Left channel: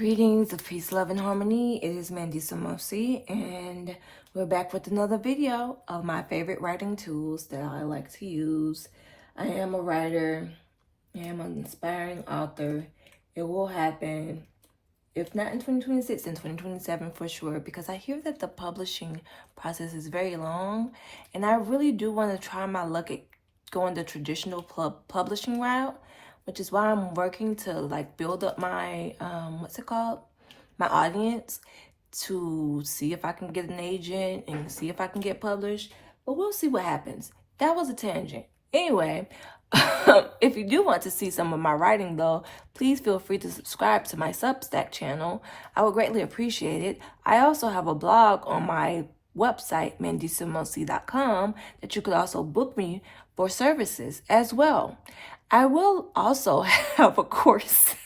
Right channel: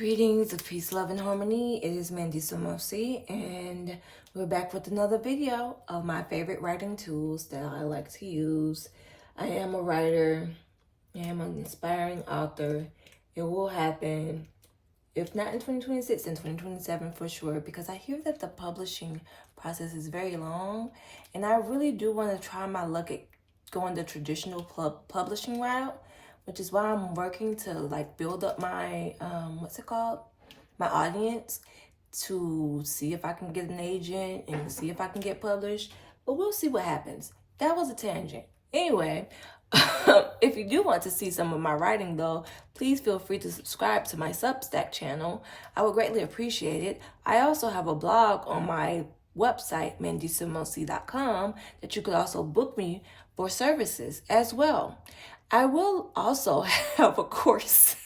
Greetings of peace, love, and harmony. It is Mandy Samosi, and we're back with another video of my favorite writing tools that I like to use. I am a writer. I am an inspiring author. It will happen, if not in 2026, in 2027 for sure, because I hear that the publishing process is very long, and I really do want to try my luck at going the traditional publishing route, which is why I'm working to build up my my audience, to see if I can get an agent and see if I can get published. But we'll see what happens. That was a tangent. Anyway, if you do want to see some of my writing though, please feel free to subscribe to my Substack channel. I would greatly appreciate it. I also have a blog on my website, mandysamosi.com, that you could also book me for services as well. I will also have a course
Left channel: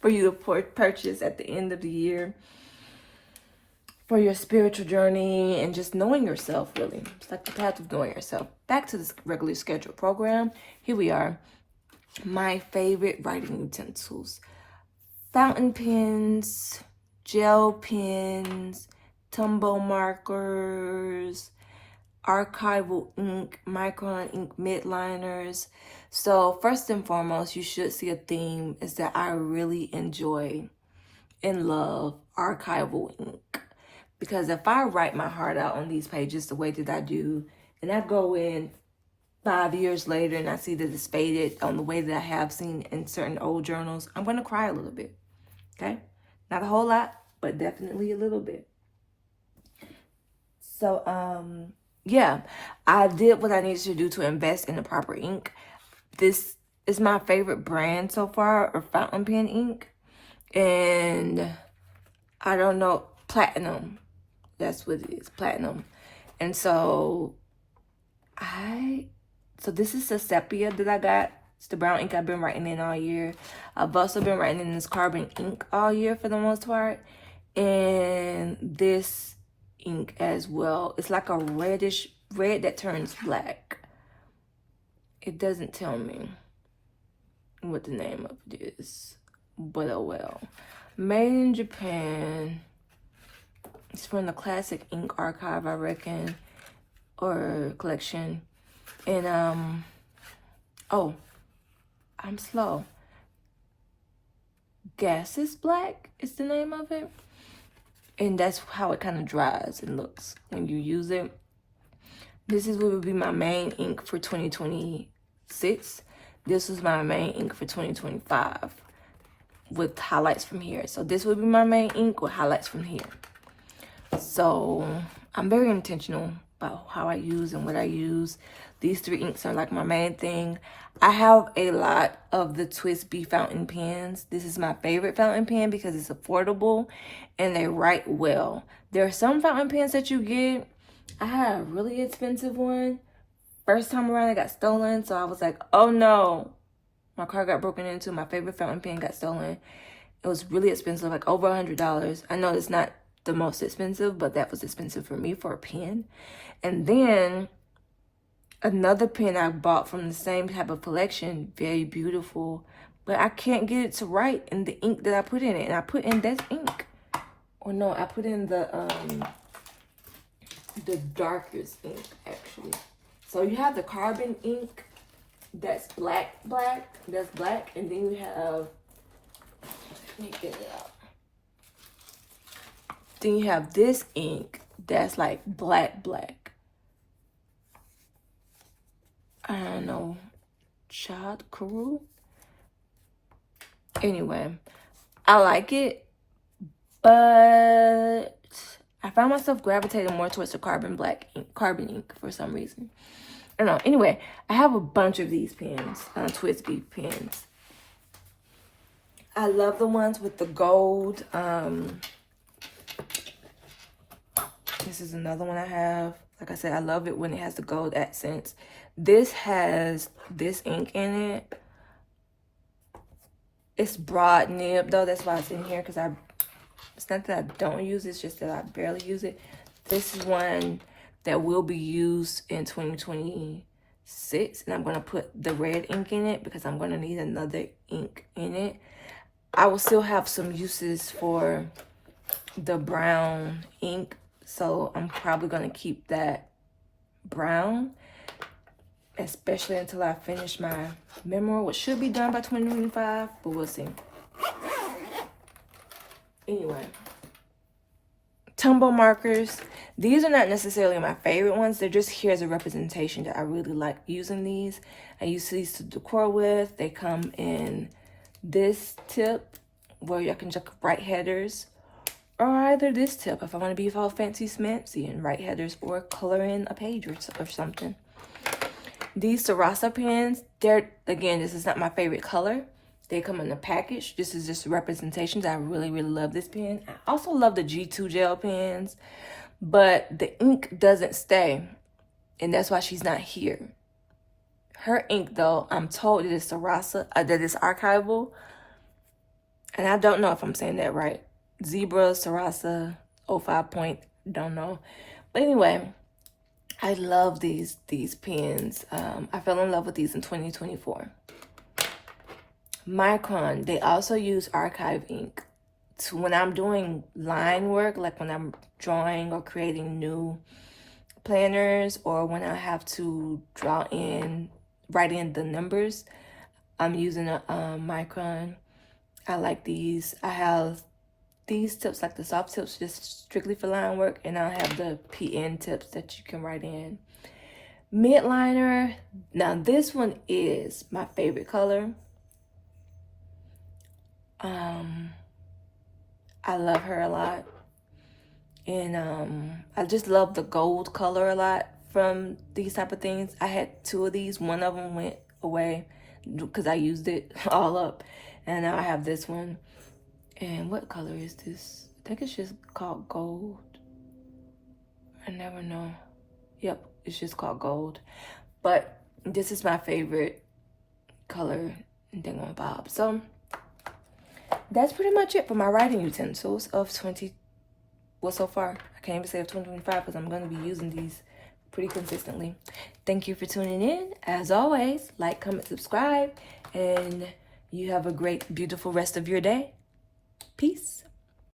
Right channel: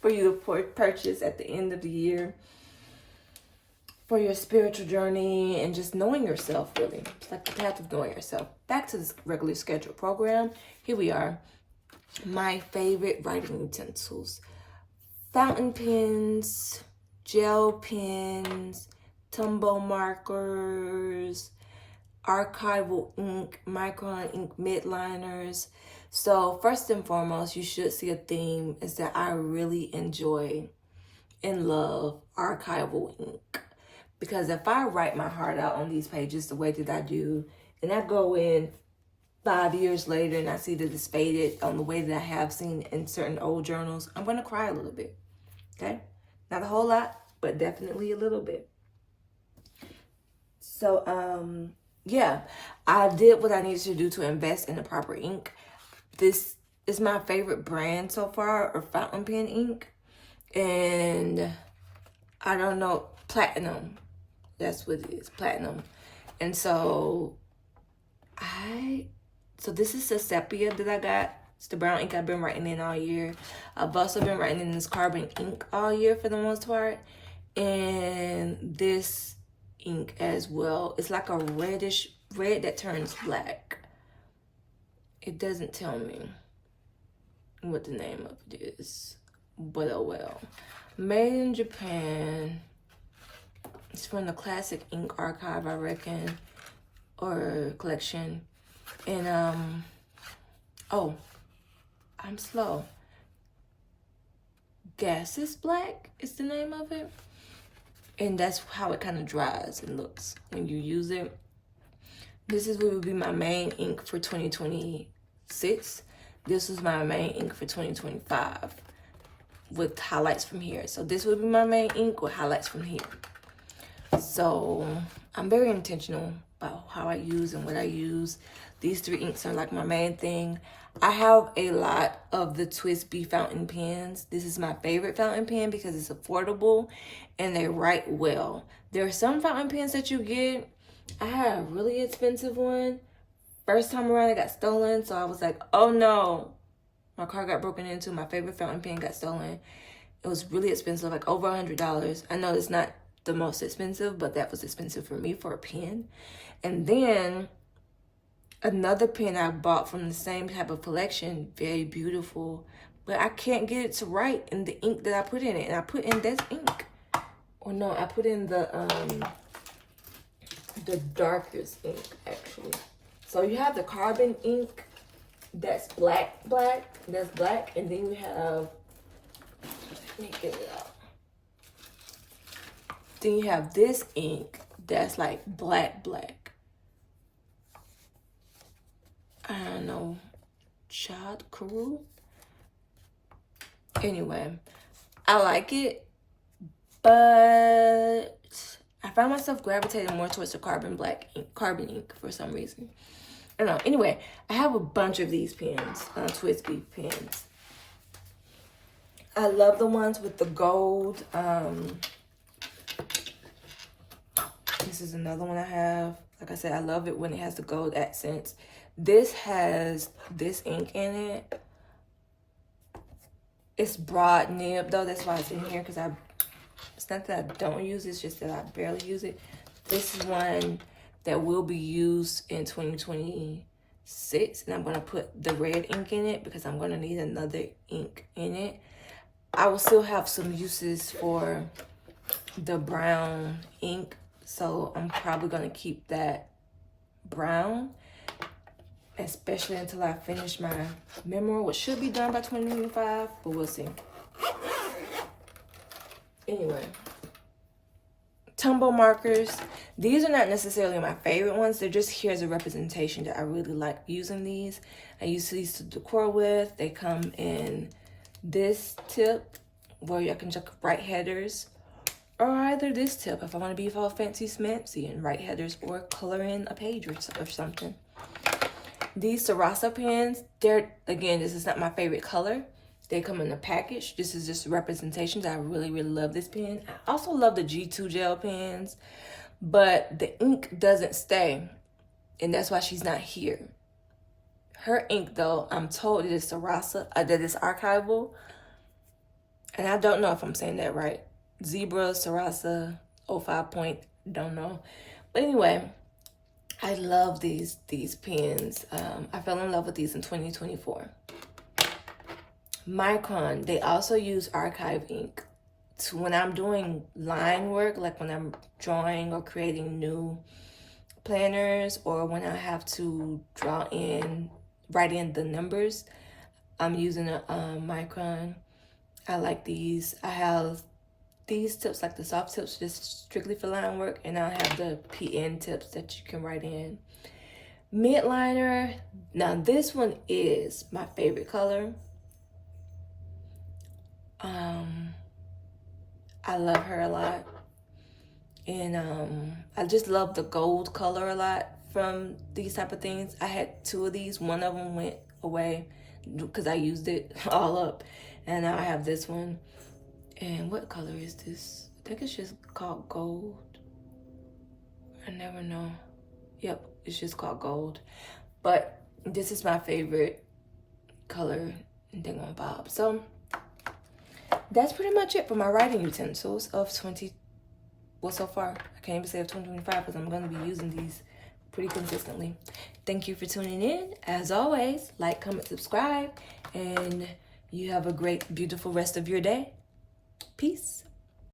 for you to purchase at the end of the year for your spiritual journey and just knowing yourself, really. It's like the path of knowing yourself. Back to the regularly scheduled program. Here we are. My favorite writing utensils: fountain pens, gel pens, Tombow markers, archival ink, micron ink midliners. So first and foremost, you should see a theme is that I really enjoy and love archival ink. Because if I write my heart out on these pages the way that I do, and I go in 5 years later and I see that it's faded on the way that I have seen in certain old journals, I'm going to cry a little bit, okay? Not a whole lot, but definitely a little bit. So, yeah, I did what I needed to do to invest in the proper ink. This is my favorite brand so far, or fountain pen ink. And I don't know, platinum. That's what it is, platinum. And so this is the sepia that I got. It's the brown ink I've been writing in all year. I've also been writing in this carbon ink all year for the most part. And this ink as well. It's like a red that turns black. It doesn't tell me what the name of it is, but oh well. Made in Japan. It's from the Classic Ink Archive, I reckon, or collection. And oh, I'm slow. Gaseous Black is the name of it. And that's how it kind of dries and looks when you use it. This is what would be my main ink for 2026. This was my main ink for 2025 with highlights from here. So this would be my main ink with highlights from here. So I'm very intentional about how I use and what I use. These three inks are like my main thing. I have a lot of the TWSBI fountain pens. This is my favorite fountain pen because it's affordable and they write well. There are some fountain pens that you get. I had a really expensive one. First time around, it got stolen. So I was like, oh no. My car got broken into. My favorite fountain pen got stolen. It was really expensive, like over $100. I know it's not the most expensive, but that was expensive for me for a pen. And then another pen I bought from the same type of collection, very beautiful, but I can't get it to write in the ink that I put in it. And I put in this ink. Or no, I put in the darkest ink, actually. So you have the carbon ink that's black, that's black, and then you have, let me get it out. Then you have this ink that's like black. I don't know, Chad Karu. Anyway, I like it, but I found myself gravitating more towards the carbon ink for some reason. I don't know. Anyway, I have a bunch of these pens, TWSBI pens. I love the ones with the gold. This is another one I have. Like I said, I love it when it has the gold accents. This has this ink in it. It's broad nib though. That's why it's in here, because it's not that I don't use it, it's just that I barely use it. This is one that will be used in 2026, and I'm going to put the red ink in it because I'm going to need another ink in it. I will still have some uses for the brown ink, so I'm probably gonna keep that brown, especially until I finish my memoir, which should be done by 2025, but we'll see. Anyway, Tombow markers. These are not necessarily my favorite ones. They're just here as a representation that I really like using these. I use these to decor with. They come in this tip where you can just write headers, or either this tip if I want to be all fancy smancy and write headers or color in a page or something. These Sarasa pens, they're, again, this is not my favorite color. They come in the package. This is just representations. I really, really love this pen. I also love the G2 gel pens, but the ink doesn't stay, and that's why she's not here. Her ink, though, I'm told it is Sarasa, that it's archival, and I don't know if I'm saying that right. Zebra, Sarasa, 05 point, don't know. But anyway, I love these pens. I fell in love with these in 2024. Micron, they also use archive ink. So when I'm doing line work, like when I'm drawing or creating new planners, or when I have to write in the numbers, I'm using a Micron. I like these. I have these tips, like the soft tips, just strictly for line work, and I have the PN tips that you can write in. Midliner, now this one is my favorite color. I love her a lot, and I just love the gold color a lot from these type of things. I had two of these. One of them went away because I used it all up, and now I have this one. And what color is this? I think it's just called gold. I never know. Yep, it's just called gold. But this is my favorite color in Thingamabob. So that's pretty much it for my writing utensils of so far. I can't even say of 2025 because I'm going to be using these pretty consistently. Thank you for tuning in. As always, like, comment, subscribe, and you have a great, beautiful rest of your day. Peace.